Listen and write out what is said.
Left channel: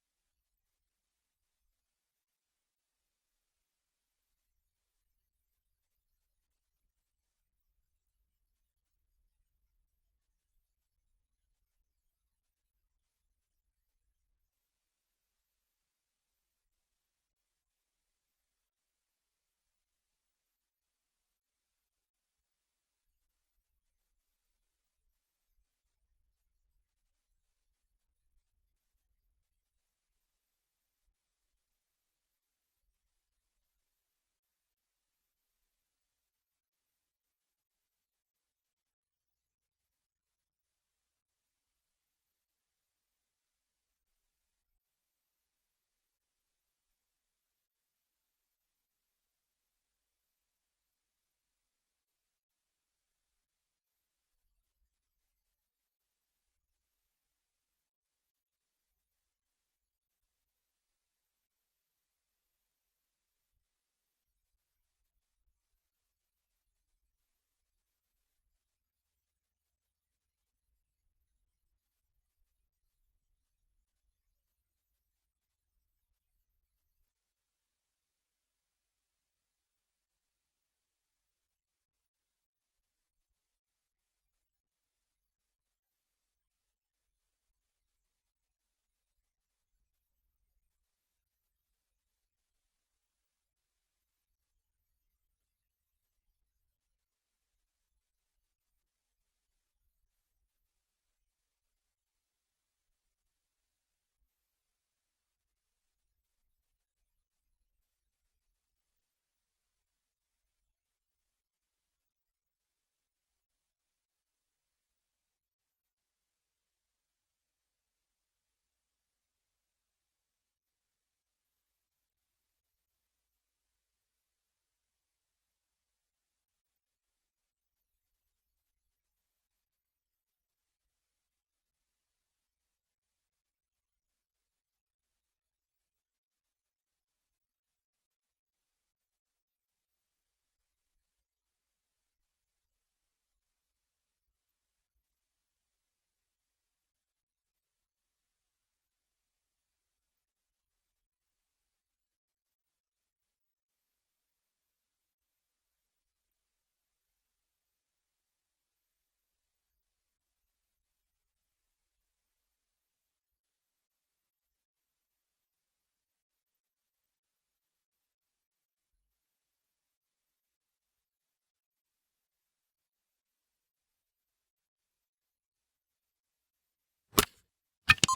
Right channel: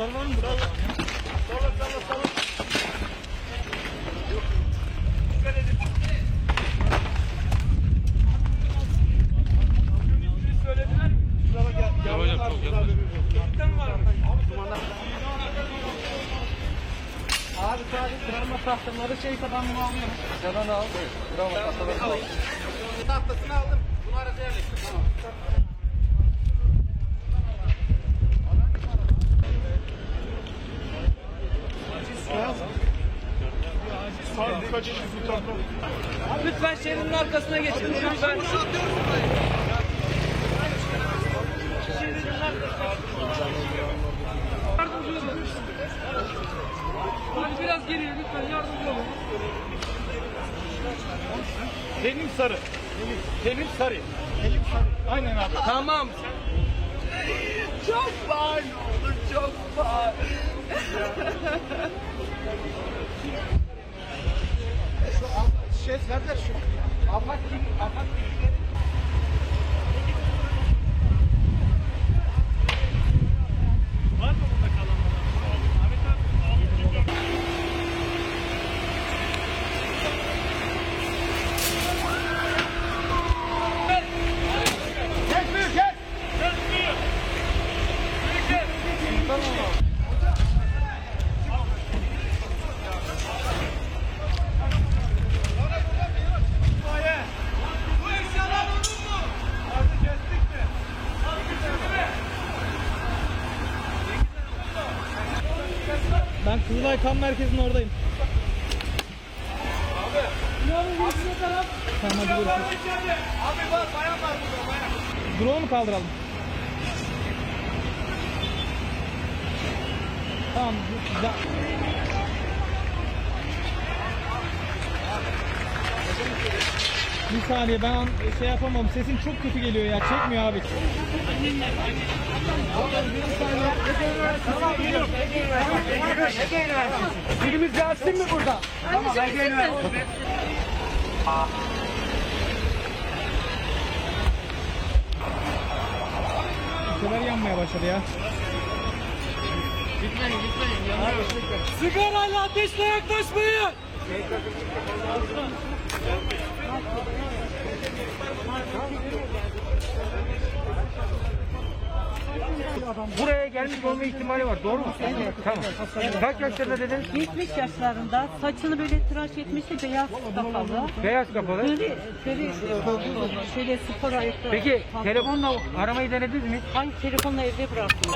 Anahtar var mı burada? Salla. Dikkat edin. Söylediler mi? Ya hocam çok yaklaşık. Cidden var mı? Abi sadece travma tahtaları şeyse ben bunu alıyorum. Sen onu al. Travma tahtaları al. Tahtasını aldım. Bunu arada yerleştir. Tamam. Lütfen şerinin arkasına geçin. Lütfen. Yardımcı olun. Hadi biraz geriye lütfen yardımcı olun. Selim Sarı. Selim Sarı. Aynen abi. Tamam. Çok var ne olur, çok var. Nerede şu? Afak kim? Var mı burada kalanlar? Ahmet abi. Ben Kızılay Kan Merkezi'nin oradayım. Tamam hadi görüşürüz. Abi var, bayan var burada, bayan. Drone'u mu kaldıralım? Tamam. Bir saniye ben şey yapamam. Sesin çok kötü geliyor ya. Çekmiyor abi. Birimiz gelsin mi burada? Tamam, Ege Üniversitesi. Şeyler yanmaya başladı ya. Gitmeyin. Sigarayla ateşle yaklaşmayın. Buraya gelmiş olma ihtimali var, doğru mu? Evet. Tamam. Kaç yaşlarında dedin? 70 yaşlarında, saçını böyle tıraş etmişti, beyaz kapalı. Beyaz kapalı. Şöyle spor ayakları. Peki telefonla aramayı denediniz mi? Hangi telefonla evde bıraktım?